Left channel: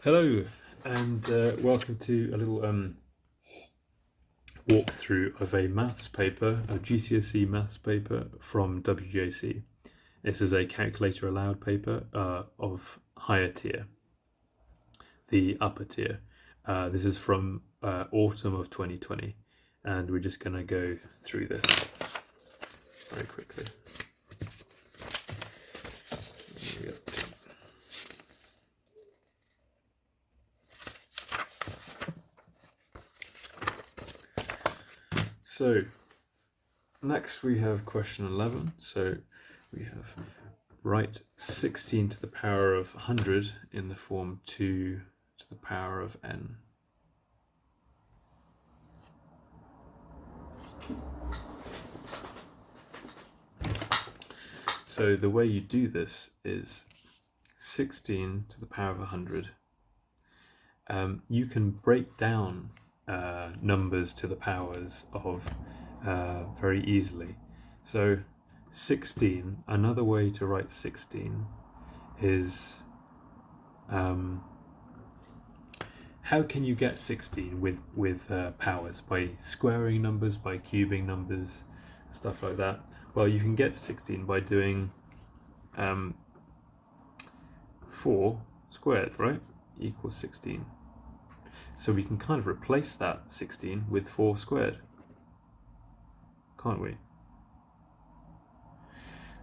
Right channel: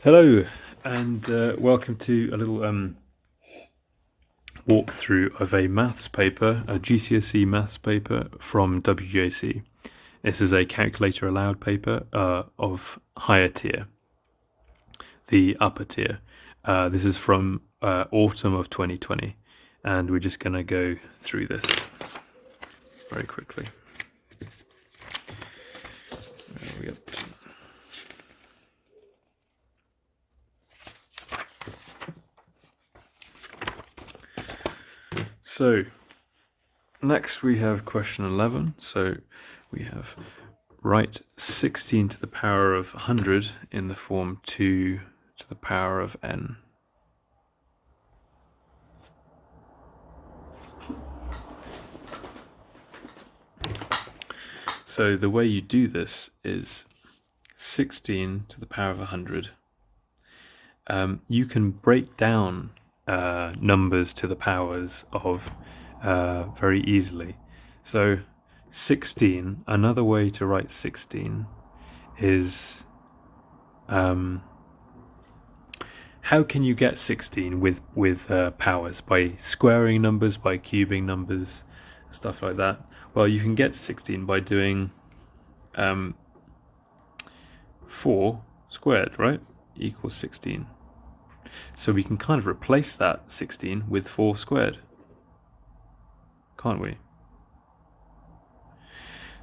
Hello, and welcome to a little walkthrough of a maths paper, a GCSE maths paper from WJC. This is a calculator allowed paper of higher tier, the upper tier. This is from autumn of 2020, and we're just going to go through this very quickly. So next we have question 11. So we have write 16 to the power of 100 in the form 2 to the power of n. So the way you do this is 16 to the power of 100. You can break down numbers to the powers of very easily. So 16, another way to write 16 is how can you get 16 with powers? By squaring numbers, by cubing numbers, stuff like that. Well, you can get to 16 by doing 4 squared, right? Equals 16. So we can kind of replace that 16 with 4 squared, can't we?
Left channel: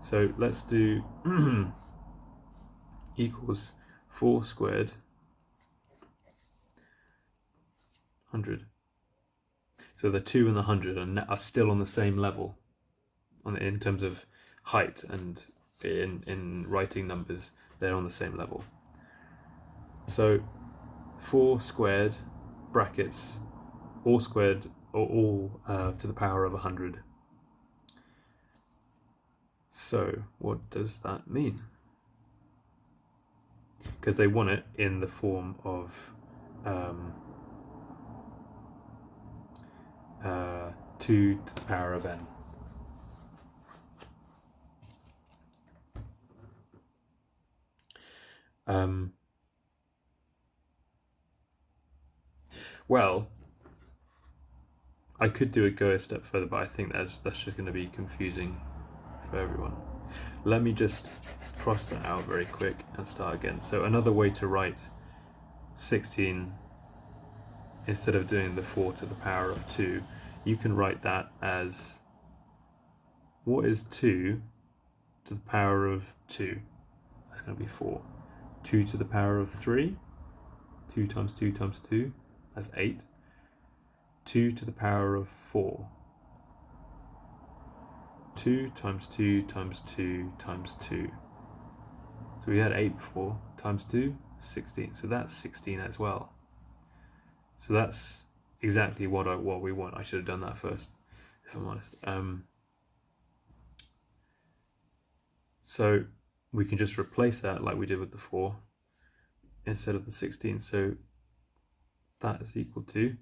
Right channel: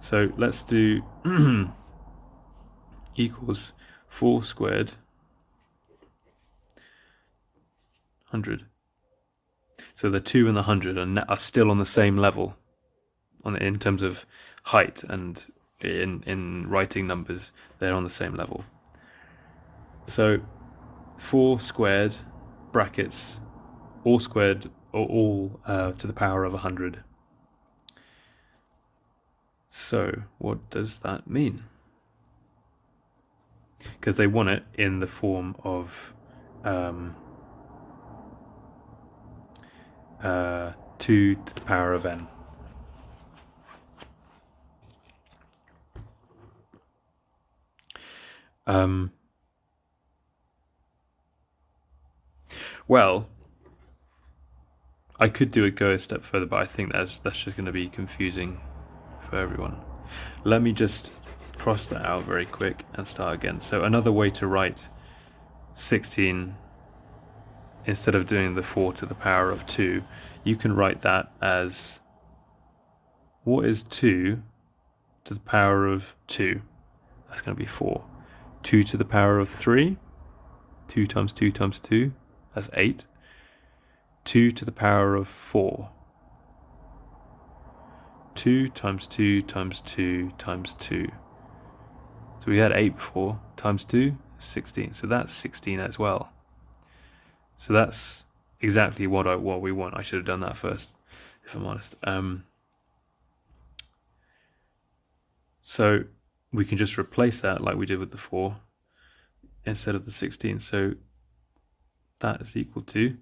So let's do equals 4 squared 100. So the 2 and the 100 are still on the same level in terms of height, and in writing numbers they're on the same level. So 4 squared brackets all squared or all to the power of 100. So what does that mean? Because they want it in the form of 2 to the power of n. Well, I could go a step further, but I think that's just going to be confusing for everyone. Let me just cross that out very quick and start again. So another way to write 16, instead of doing the 4 to the power of 2, you can write that as, what is 2 to the power of 2? That's going to be 4. 2 to the power of 3, 2 times 2 times 2, that's 8. 2 to the power of 4, 2 times 2 times 2 times 2. So we had 8 before, times 2, 16. So that's 16 as well. So that's exactly what we want. I should have done that first, if I'm honest. So we can just replace that like we did with the 4 instead of the 16. So that is equal to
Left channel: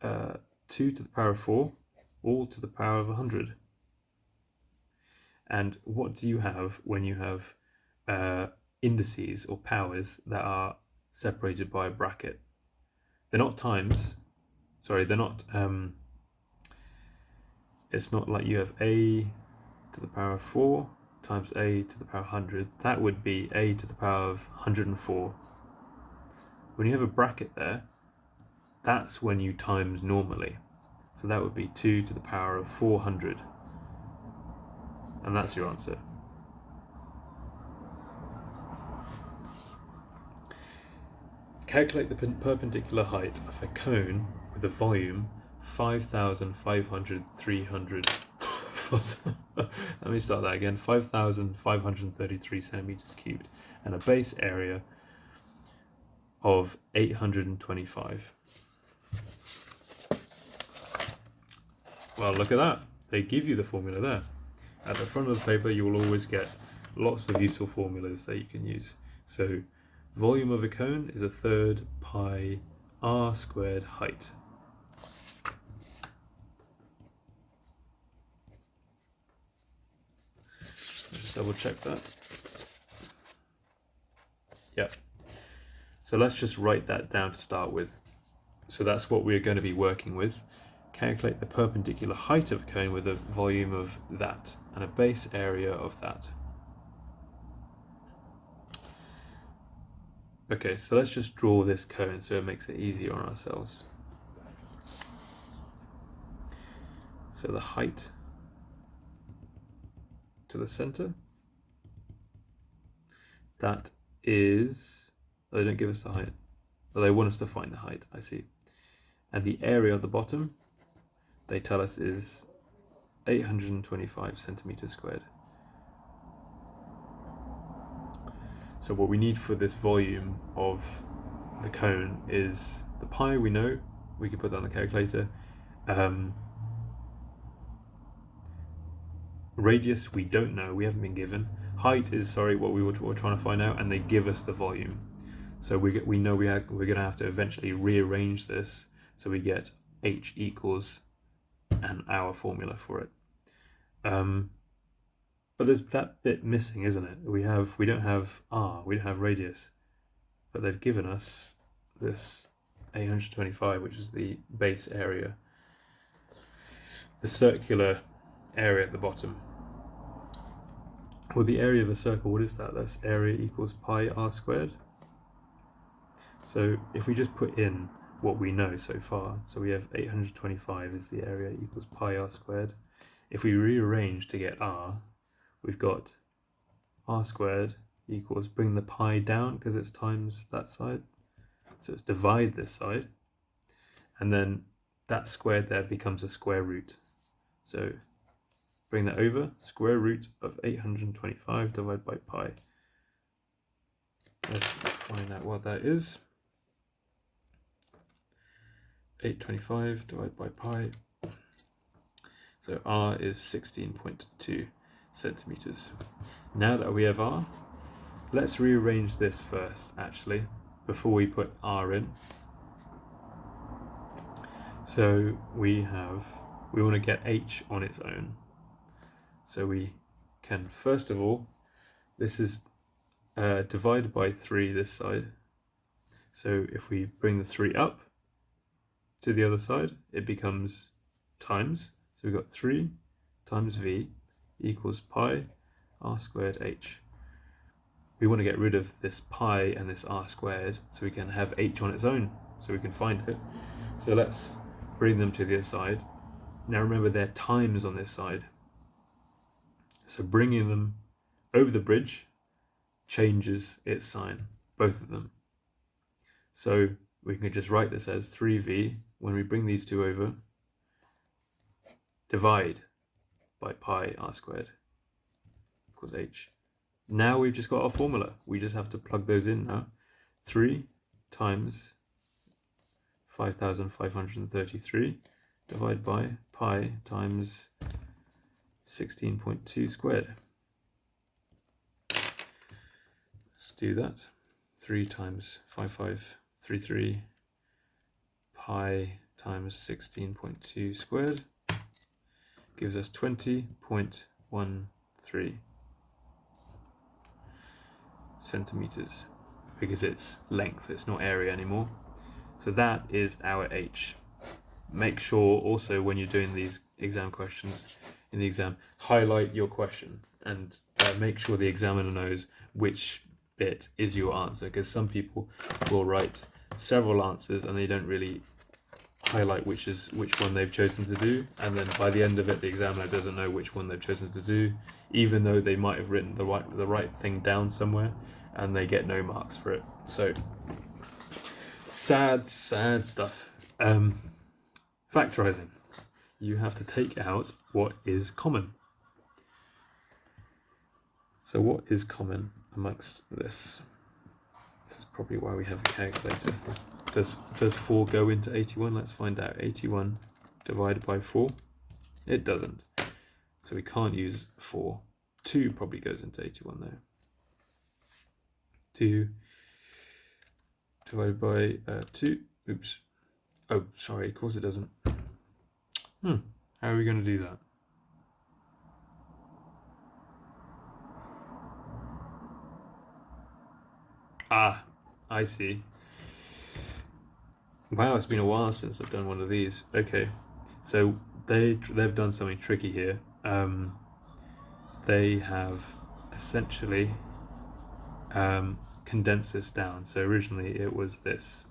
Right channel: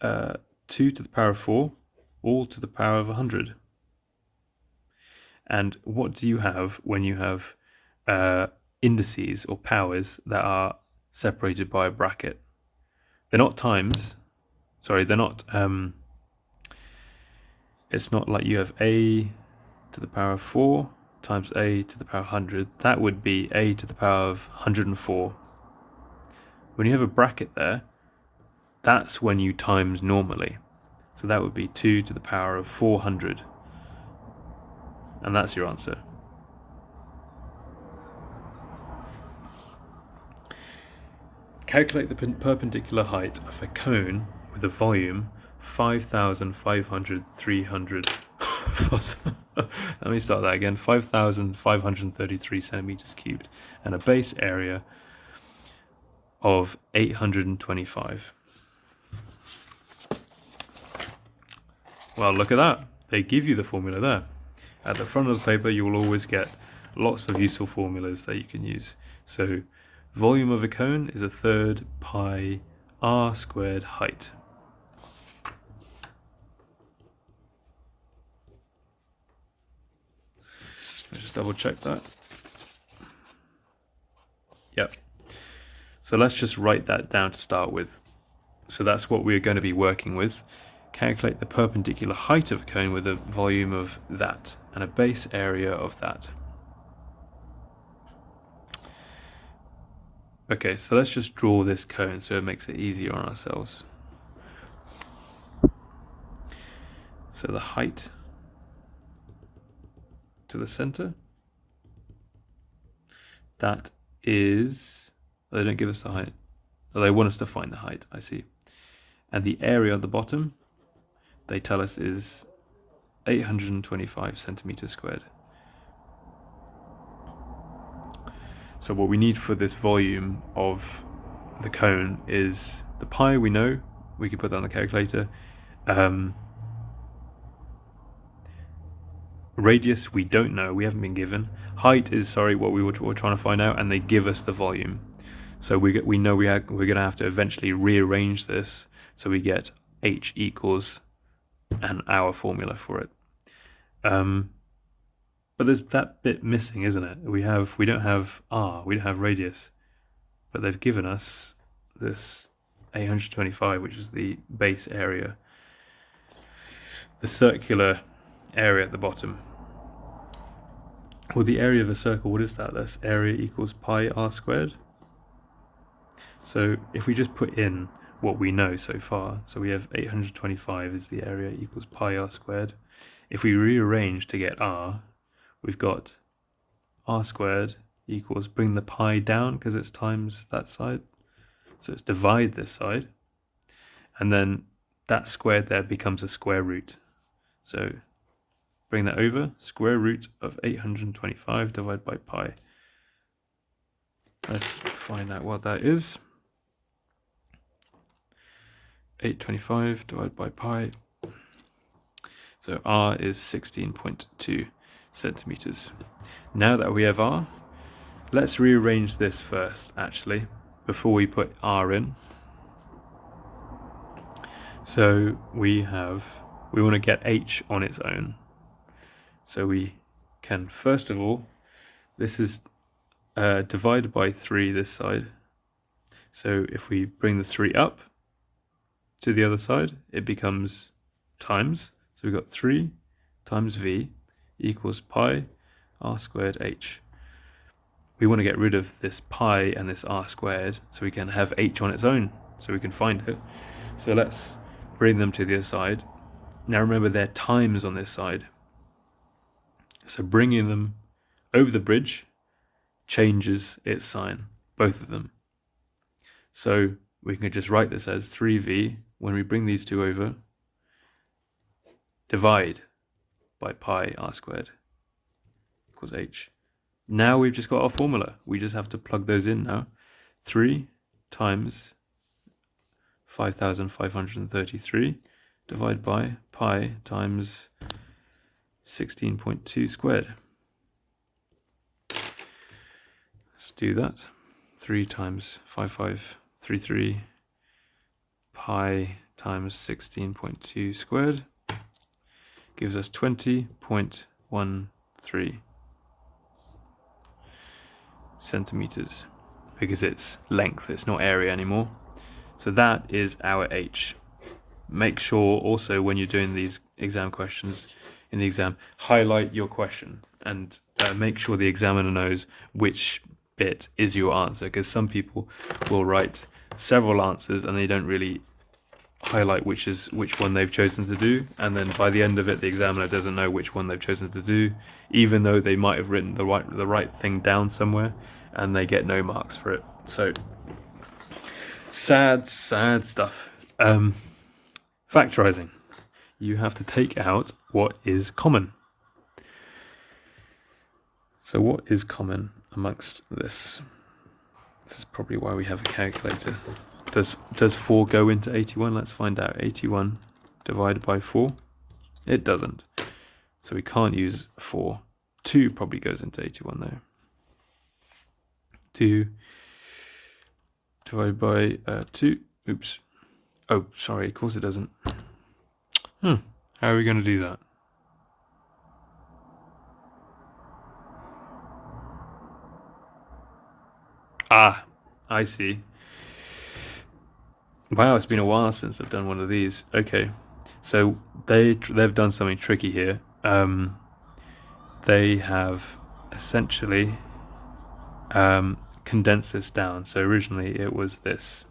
2 to the power of 4, all to the power of 100. And what do you have when you have indices or powers that are separated by a bracket? They're not times. Sorry, they're not. It's not like you have a to the power of 4 times a to the power of 100. That would be a to the power of 104. When you have a bracket there, that's when you times normally. So that would be 2 to the power of 400. And that's your answer. Calculate the perpendicular height of a cone with a volume 5,500, 300. Let me start that again. 5,533 centimeters cubed and a base area of 825. Well, look at that. They give you the formula there. At the front of the paper, you will always get lots of useful formulas that you can use. So volume of a cone is 1/3 pi r squared height. Let's just double check that. Yep. So let's just write that down to start with. So that's what we're going to be working with. Calculate the perpendicular height of a cone with a volume of that and a base area of that. Okay, so let's just draw this cone so it makes it easier on ourselves. So the height to the center, that is, they don't give us the height. They want us to find the height, I see. And the area at the bottom, they tell us is 825 centimeters squared. So what we need for this volume of the cone is the pi, we know, we can put that on the calculator. Radius, we don't know, we haven't been given. Height is, what we were trying to find out, and they give us the volume. So we know we're going to have to eventually rearrange this so we get h equals and our formula for it. But there's that bit missing, isn't it? We don't have r, we don't have radius, but they've given us this 825, which is the base area, the circular area at the bottom. Well, the area of a circle, what is that? That's area equals pi r squared. So if we just put in what we know so far, so we have 825 is the area equals pi r squared. If we rearrange to get r, we've got r squared equals, bring the pi down because it's times that side, so it's divide this side, and then that squared there becomes a square root. So bring that over, square root of 825 divided by pi. Let's find out what that is. 825 divided by pi. So r is 16.2 centimeters. Now that we have r, let's rearrange this first, actually, before we put r in. So we want to get h on its own. So we can, first of all, this is divided by 3 this side. So if we bring the 3 up to the other side, it becomes times. So we've got 3 times v equals pi r squared h. We want to get rid of this pi and this r squared so we can have h on its own, so we can find it. So let's bring them to the other side. Now remember, they're times on this side. So bringing them over the bridge changes its sign, both of them. So we can just write this as 3v, when we bring these two over, divide by pi r squared equals h. Now we've just got our formula. We just have to plug those in now. 3 times 5,533 divided by pi times 16.2 squared. Let's do that. 3 times 5533 pi times 16.2 squared gives us 20.13 centimeters, because it's length, it's not area anymore. So that is our h. Make sure also when you're doing these exam questions in the exam, highlight your question and make sure the examiner knows which bit is your answer, because some people will write several answers and they don't really highlight which one they've chosen to do, and then by the end of it the examiner doesn't know which one they've chosen to do, even though they might have written the right thing down somewhere, and they get no marks for it. So sad stuff. Factorizing. You have to take out what is common. So what is common amongst this? This is probably why we have a calculator. Does 4 go into 81? Let's find out. 81 divided by 4. It doesn't. So we can't use 4. 2 probably goes into 81 though. 2 divided by 2. Oops. Oh, sorry, of course it doesn't. How are we going to do that? Ah, I see. Wow, it's been a while since I've done one of these. Okay, so they've done something tricky here. They have essentially condensed this down. So originally it was this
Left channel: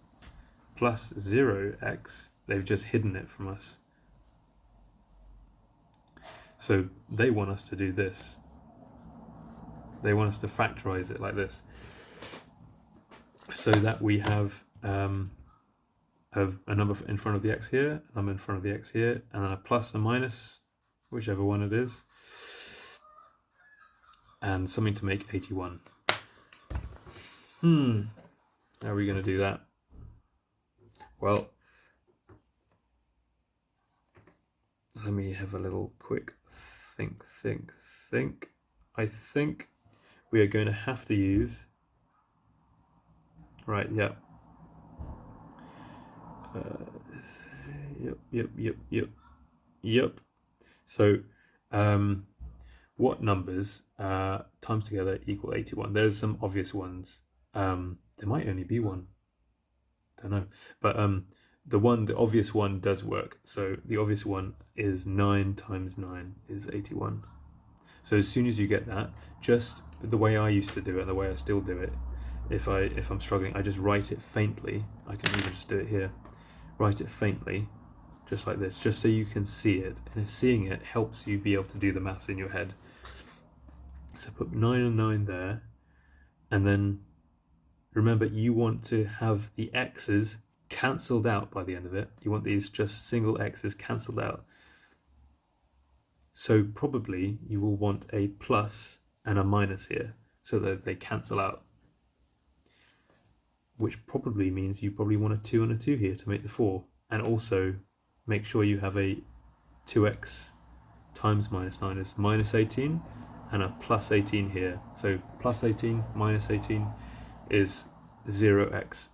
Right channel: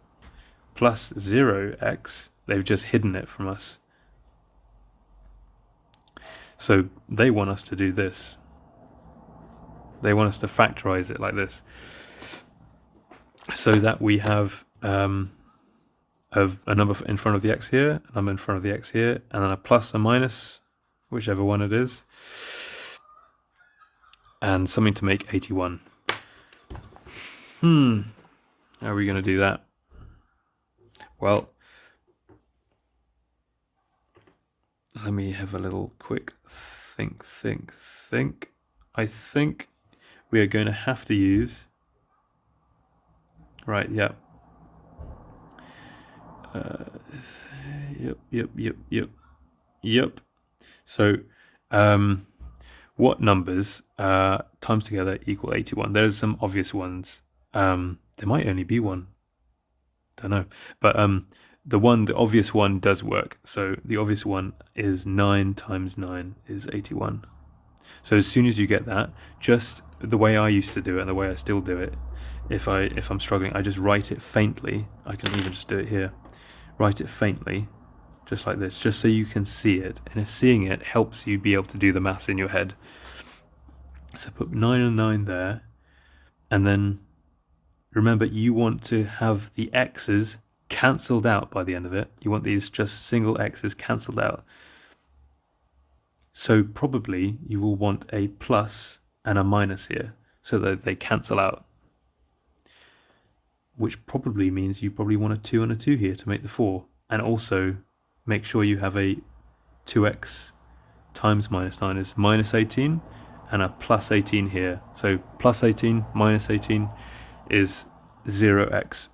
plus 0x. They've just hidden it from us. So they want us to do this. They want us to factorize it like this, so that we have a number in front of the x here, a number in front of the x here, and then a plus, a minus, whichever one it is, and something to make 81. How are we going to do that? Well, let me have a little quick think. I think we are going to have to use... Right, yep. Yep. So, what numbers times together equal 81? There's some obvious ones. There might only be one. Don't know. But the obvious one does work. So the obvious one is 9 times 9 is 81. So as soon as you get that, just the way I used to do it and the way I still do it, if I'm struggling, I just write it faintly. I can even just do it here. Write it faintly, just like this, just so you can see it. And if seeing it helps you be able to do the maths in your head. So put 9 and 9 there, and then remember you want to have the x's cancelled out by the end of it. You want these just single x's cancelled out. So probably you will want a plus and a minus here so that they cancel out. Which probably means you probably want a 2 and a 2 here to make the 4. And also make sure you have a 2x times minus 9 is minus 18 and a plus 18 here. So plus 18 minus 18 is 0x.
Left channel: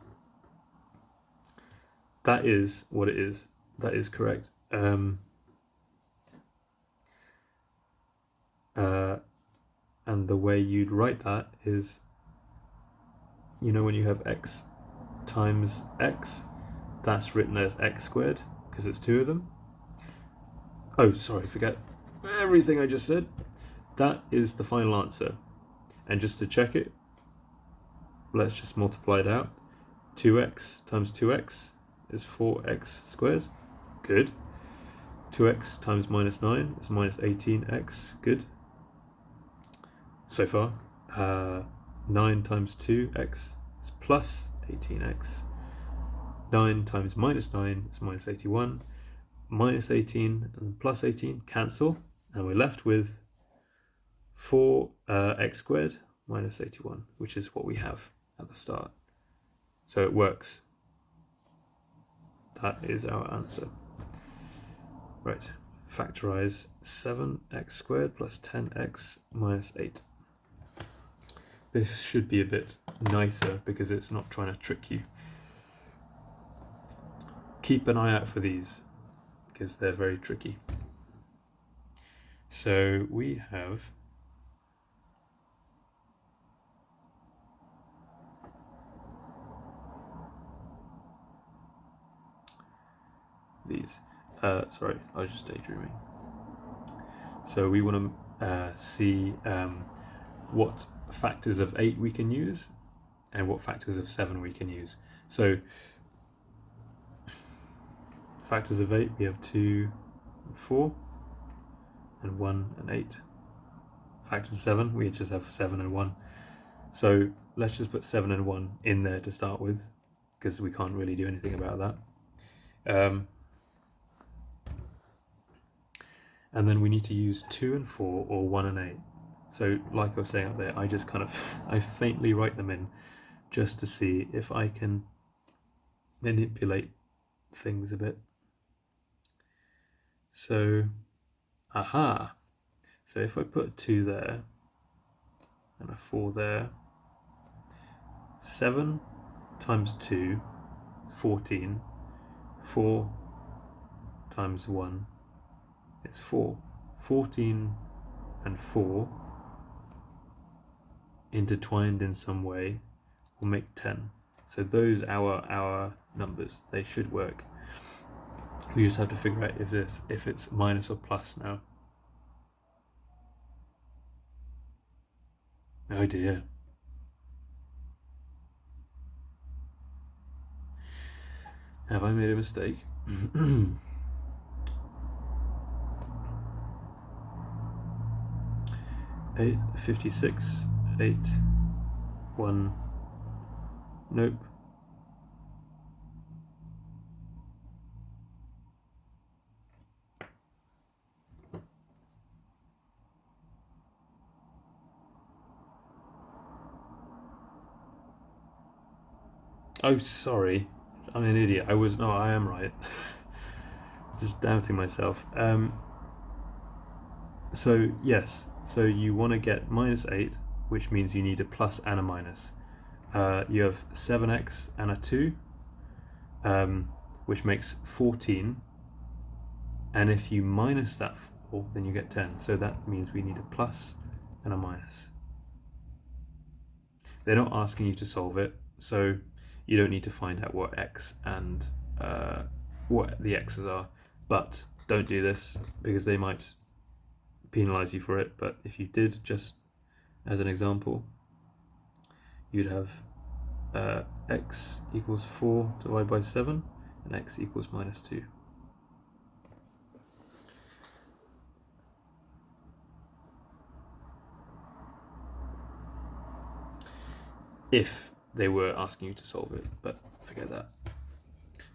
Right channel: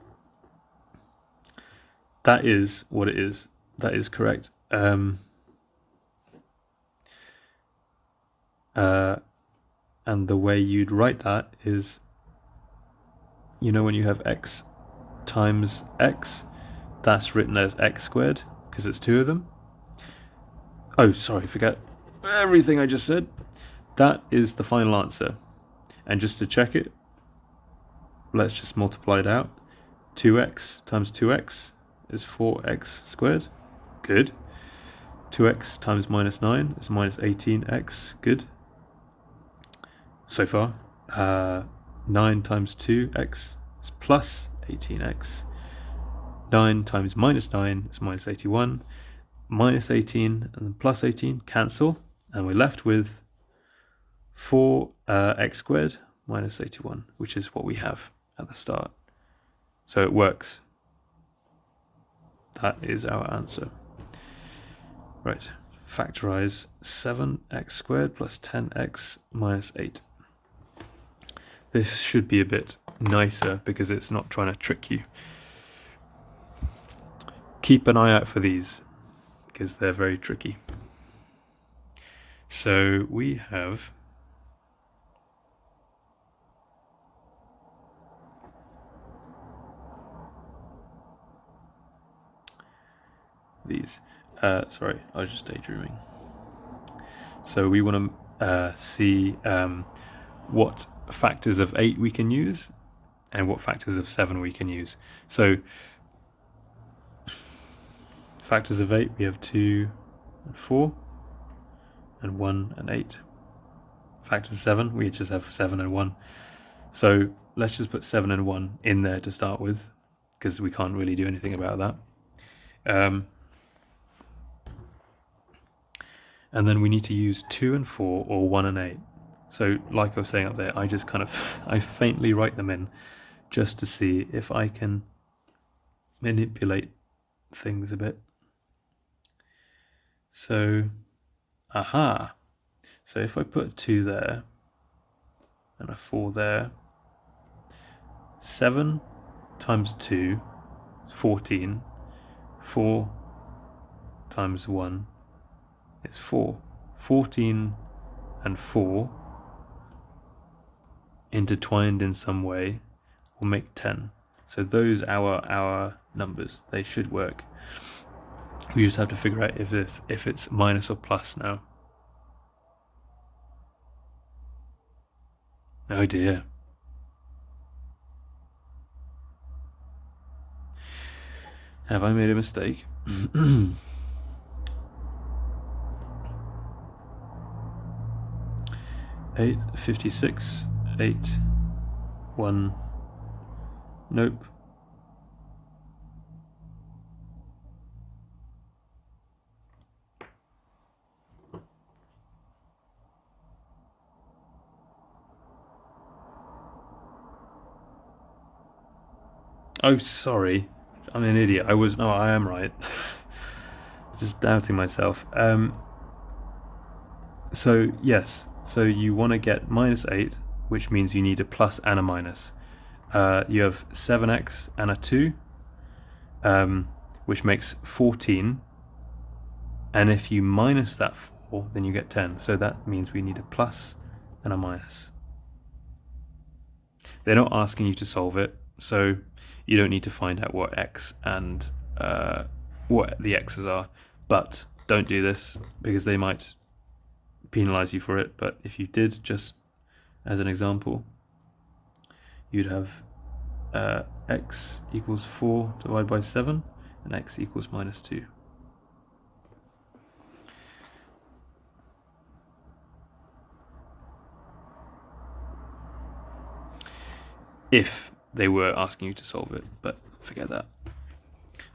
That is what it is. That is correct. And the way you'd write that is, you know, when you have x times x, that's written as x squared because it's 2 of them. Oh, sorry, forget everything I just said. That is the final answer. And just to check it, let's just multiply it out. 2x times 2x is 4x squared. Good. 2x times minus 9 is minus 18x. Good. So far. 9 times 2x is plus 18x. 9 times minus 9 is minus 81. Minus 18 and then plus 18 cancel. And we're left with 4x squared minus 81, which is what we have at the start. So it works. That is our answer. Right, factorize 7x squared plus 10x minus 8. This should be a bit nicer because it's not trying to trick you. Keep an eye out for these because they're very tricky. So we have these. Sorry, I was just daydreaming. So we want to see what factors of 8 we can use and what factors of 7 we can use. So factors of 8, we have 2 and 4 and 1 and 8. Factors of 7, we just have 7 and 1. So let's just put 7 and 1 in there to start with because we can't really do anything about that. And then we need to use 2 and 4 or 1 and 8. So like I was saying up there, I just I faintly write them in just to see if I can manipulate things a bit. So, aha. So if I put a 2 there and a 4 there, 7 times 2 is 14. 4 times 1 is 4. 14 and 4 intertwined in some way will make 10. So those are our numbers. They should work. We just have to figure out if it's minus or plus now. Oh dear. Have I made a mistake? 856, 8, 1. Nope. Oh, sorry. I'm an idiot. I am right. Just doubting myself. So, yes. So you want to get minus 8, which means you need a plus and a minus. You have 7x and a 2, which makes 14. And if you minus that 4, then you get 10. So that means we need a plus and a minus. They're not asking you to solve it, so you don't need to find out what x and what the x's are. But don't do this because they might penalize you for it. But if you did, just as an example, you'd have x equals 4 divided by 7 and x equals minus 2. If they were asking you to solve it, but forget that.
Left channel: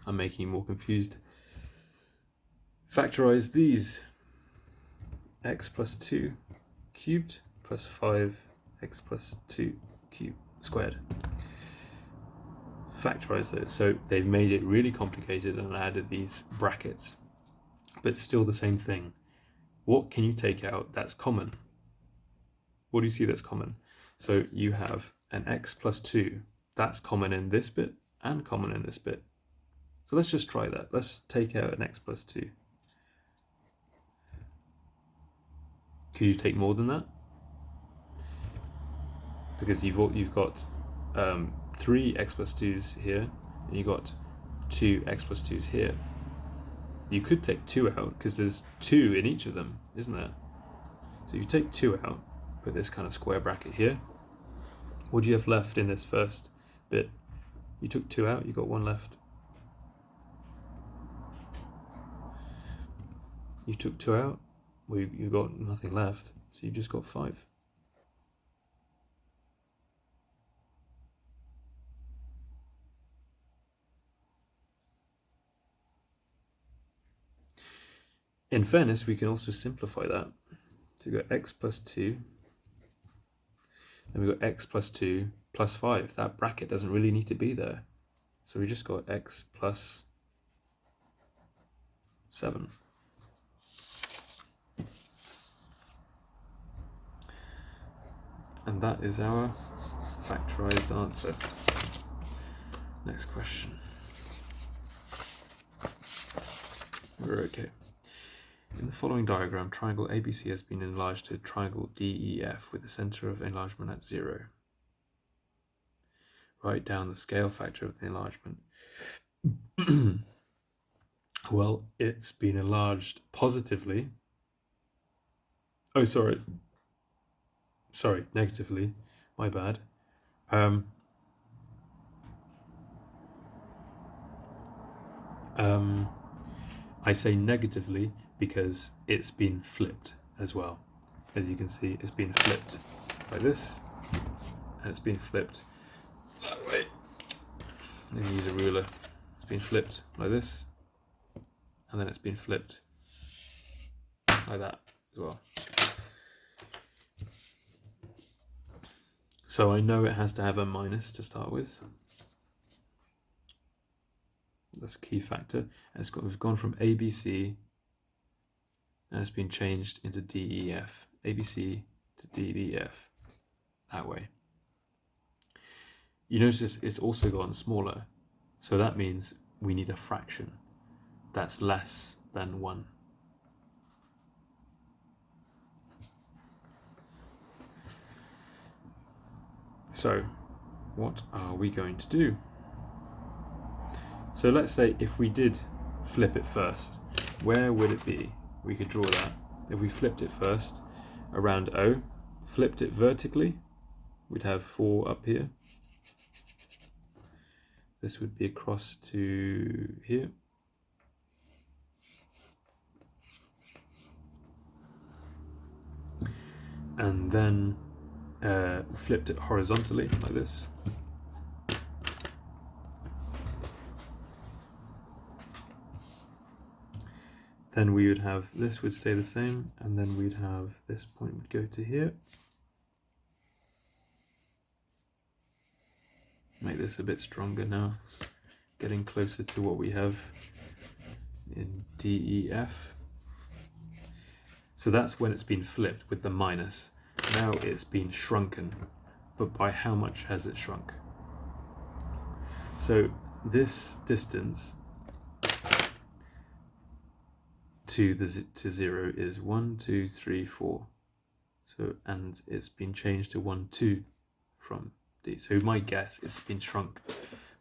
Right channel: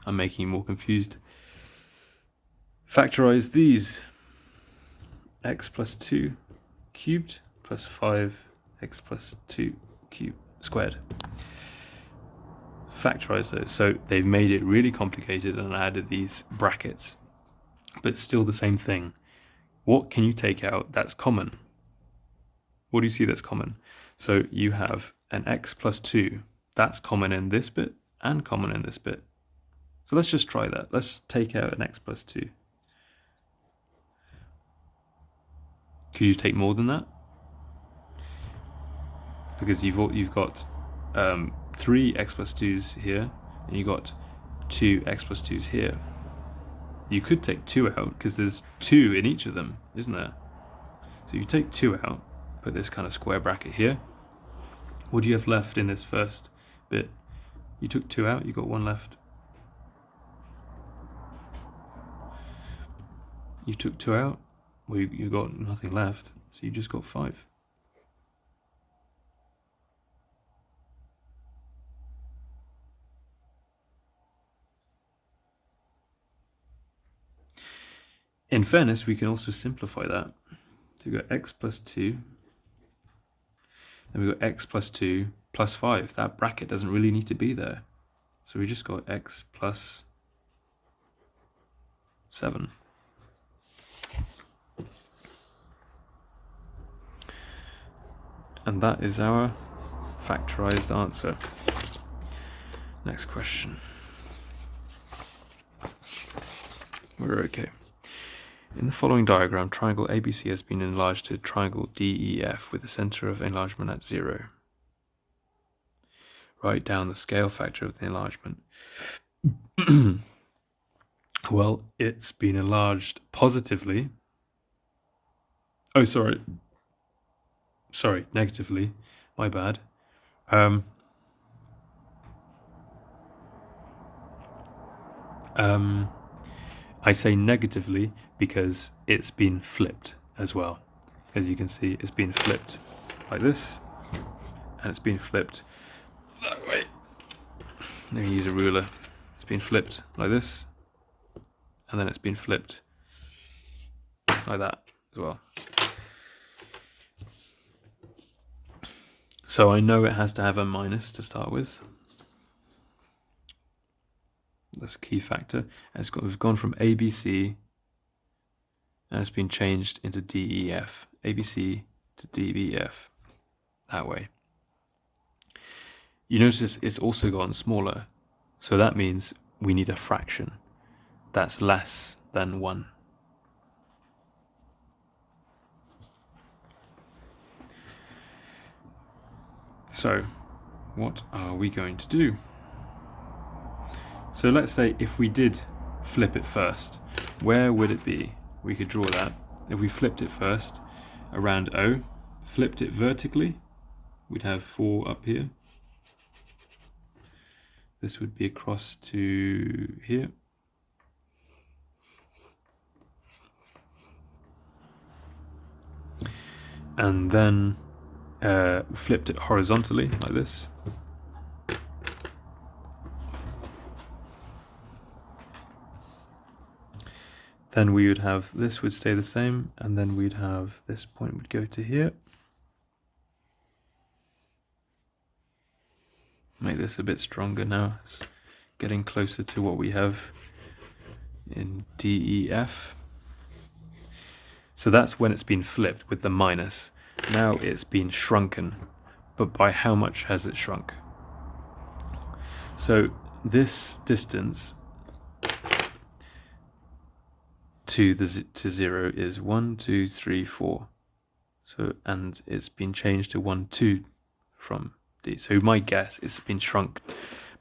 I'm making you more confused. Factorize these. X plus 2 cubed plus 5x plus 2 cubed squared. Factorize those. So they've made it really complicated and added these brackets, but still the same thing. What can you take out that's common? What do you see that's common? So you have an x plus 2. That's common in this bit and common in this bit. So let's just try that. Let's take out an x plus 2. Could you take more than that? Because you've got 3 x plus 2's here, and you've got 2 x plus 2's here. You could take 2 out, because there's 2 in each of them, isn't there? So you take 2 out, put this kind of square bracket here. What do you have left in this first bit? You took 2 out, you got 1 left. You took 2 out, well, you got nothing left, so you just got 5. In fairness, we can also simplify that. So we've got x plus 2, then we've got x plus 2 plus 5. That bracket doesn't really need to be there. So we just got x plus 7. And that is our factorized answer. Next question. We're okay. In the following diagram, triangle ABC has been enlarged to triangle DEF with the center of enlargement at 0. Write down the scale factor of the enlargement. Well, it's been enlarged positively. Oh, sorry, negatively. My bad. I say negatively because it's been flipped as well. As you can see, it's been flipped like this, and it's been flipped that way. Let me use a ruler. It's been flipped like this, and then it's been flipped like that as well. So I know it has to have a minus to start with. That's a key factor. We've gone from ABC, and it's been changed into DEF. ABC to DBF, that way. You notice it's also gotten smaller, so that means we need a fraction that's less than 1. So what are we going to do? So let's say if we did flip it first, where would it be? We could draw that. If we flipped it first around O, flipped it vertically, we'd have 4 up here. This would be across to here. And then flipped it horizontally like this. Then we would have this would stay the same, and then we'd have this point would go to here. Make this a bit stronger now. It's getting closer to what we have in DEF. So that's when it's been flipped with the minus. Now it's been shrunken, but by how much has it shrunk? So this distance to 0 is 1, 2, 3, 4. So, and it's been changed to 1, 2 from D. So my guess is it's been shrunk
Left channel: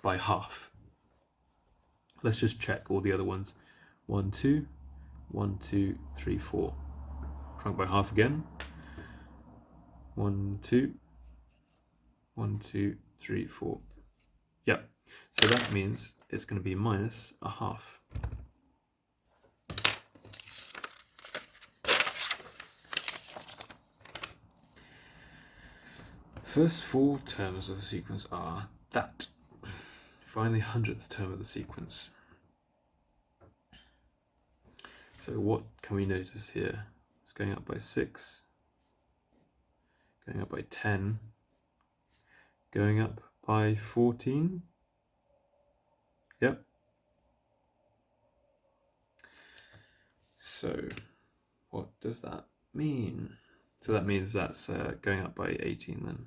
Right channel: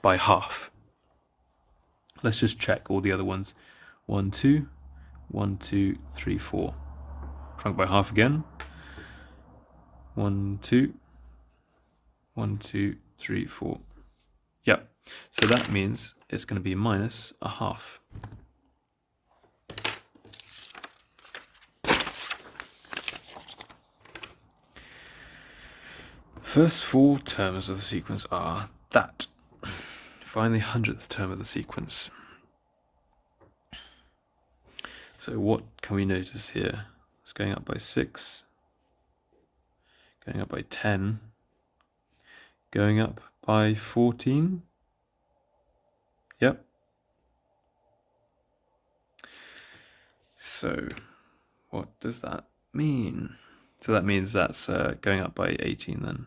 by half. Let's just check all the other ones. 1, 2, 1, 2, 3, 4. Shrunk by half again. 1, 2, 1, 2, 3, 4. Yep. So that means it's going to be minus a half. First 4 terms of the sequence are that. Find the 100th term of the sequence. So what can we notice here? It's going up by 6, going up by 10, going up by 14. Yep. So what does that mean? So that means that's going up by 18 then.